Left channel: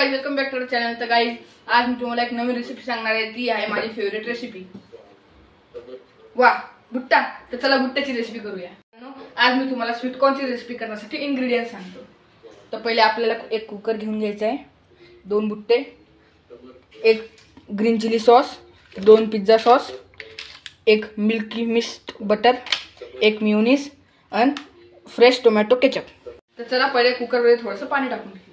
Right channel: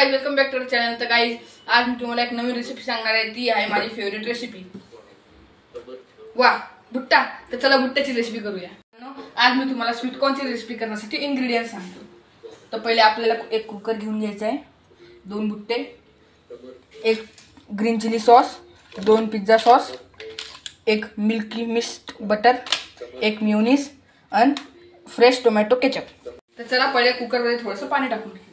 Guys, welcome back to the channel. तर guys, आज मी तुम्हाला एक नवीन रेसिपी सांगणार आहे। ती आहे माझी फेवरेट रेसिपी, वाह भुट्टा। तर चला भुट्ट्याची रेसिपी करूया। आज मी तुम्हाला स्वीट कॉर्नची रेसिपी करण्यासाठी इंग्रेडिएंट्स सांगतो। तर पहिले आपल्याला एक कुकर घेऊन घ्यायचा आहे, 2 भुट्टे, एक green chilli sauce, 2 pizza sauce, एक मिल्की मिस्ट बटर, एक मेयोनीज आणि फ्रेश टोमॅटो केचप। तर चला पहिले कुकर मध्ये थोडंसं पाणी टाकून घेऊया।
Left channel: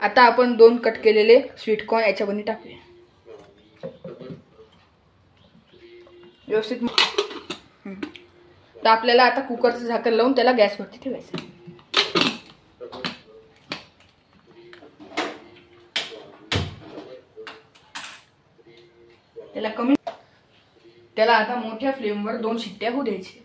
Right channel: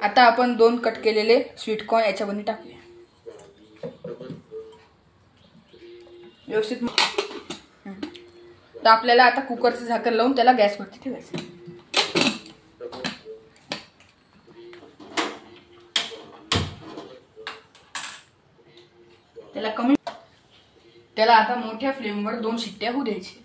आता आपण 2 कट केलेले स्वीट कॉर्न याच्यामध्ये टाकूया व्यवस्थित। तर आपल्याला आता कुकरचं झाकण लावून त्याला गॅसवरती ठेवायचं। त्याला आता मोठ्या फ्लेमवर 2 शिट्ट्या होऊ द्यायची।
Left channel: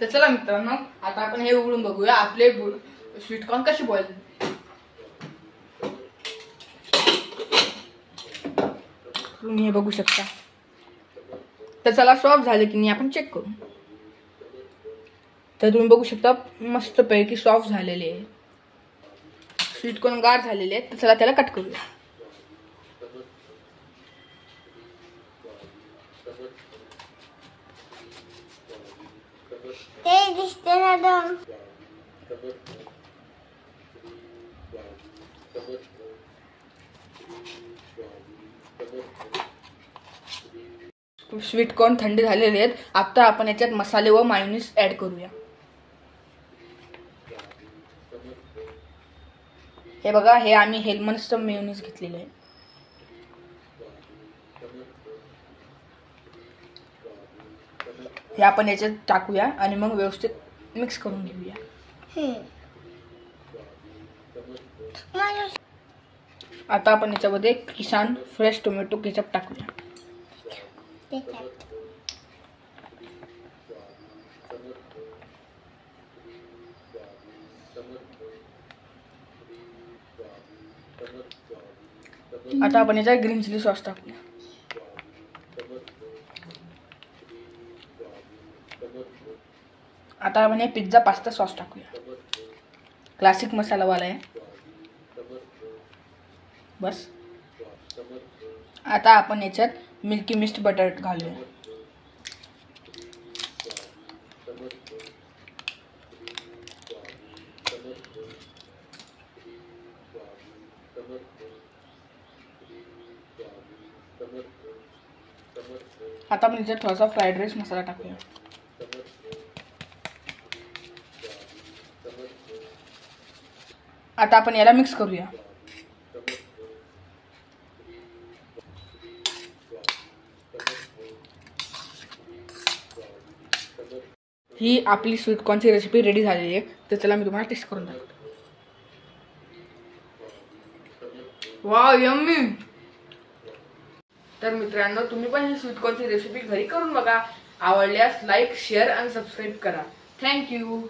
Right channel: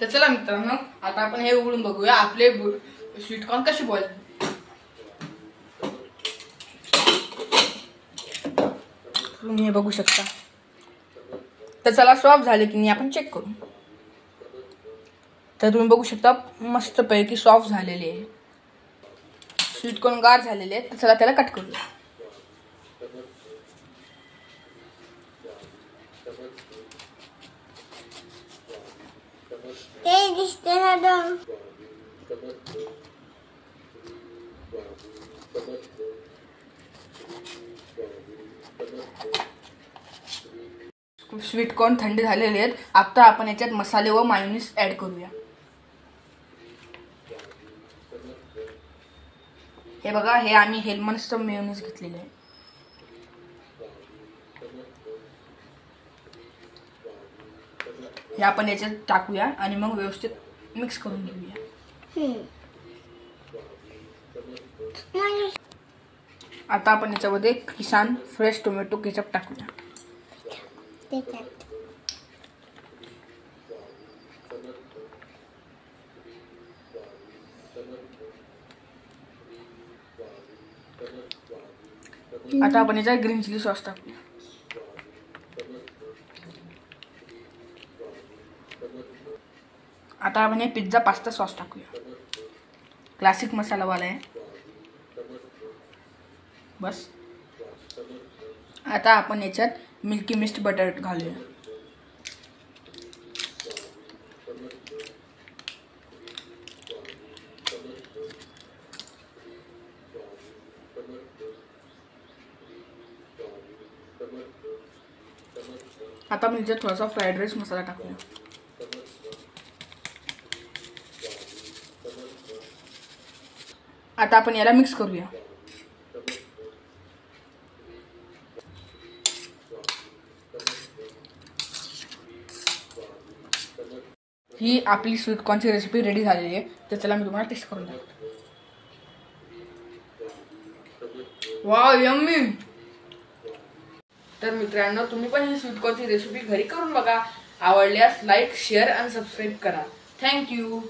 तर चला मित्रांनो, आता आपण हे उघडून बघूया आपले स्वीट कॉर्न कसे बॉईल। तुम्ही हे बघू शकता। तर चला सॉफ्ट झाले की नाही आपण चेक करू। तर तुम्ही बघू शकता मस्त पैकी सॉफ्ट झालेले आहे, स्वीट कॉर्न गार झालेले आहेत। तर चला त्याला कट करूया। ते दिसते ना दम। स्वीट कॉर्न थंड झालेले आहेत। आता आपण याच्यात मसाले व मायोनीज ऍड करूया। हे बघा, हे आम्ही हेलमनचं मेयोनीज घेतलेले आहे। हे आपण याच्यात टाकूया आणि मग व्यवस्थित मिक्स करून घेऊया। आता आपण याच्यामध्ये किसान फ्रेश टोमॅटो केचप टाकूया। आता आपण याच्यात ग्रीन चिली सॉस टाकूया। आता आपण हे पिझ्झा पास्ता सॉस टाकूया, क्लासिक मसालावाला आहे बस। आता आपण याच्यात मिल्की मिस्ट बटर घालूया। आता आपण याच्यात थोडासा फ्राईड राईस मसाला टाकूया। आता आपण याला मिक्स करूया। ही आपली स्वीट कॉर्नची रेसिपी रेडी झालेली आहे। तर चला मी तुम्हाला टेस्ट करून दाखवतो। Wow, yummy. तर मित्रांनो, तुम्ही पण ही स्वीट कॉर्नची रेसिपी घरी करून बघा। आवडल्यास लाईक, शेअर आणि सबस्क्राईब करा। थँक्यू।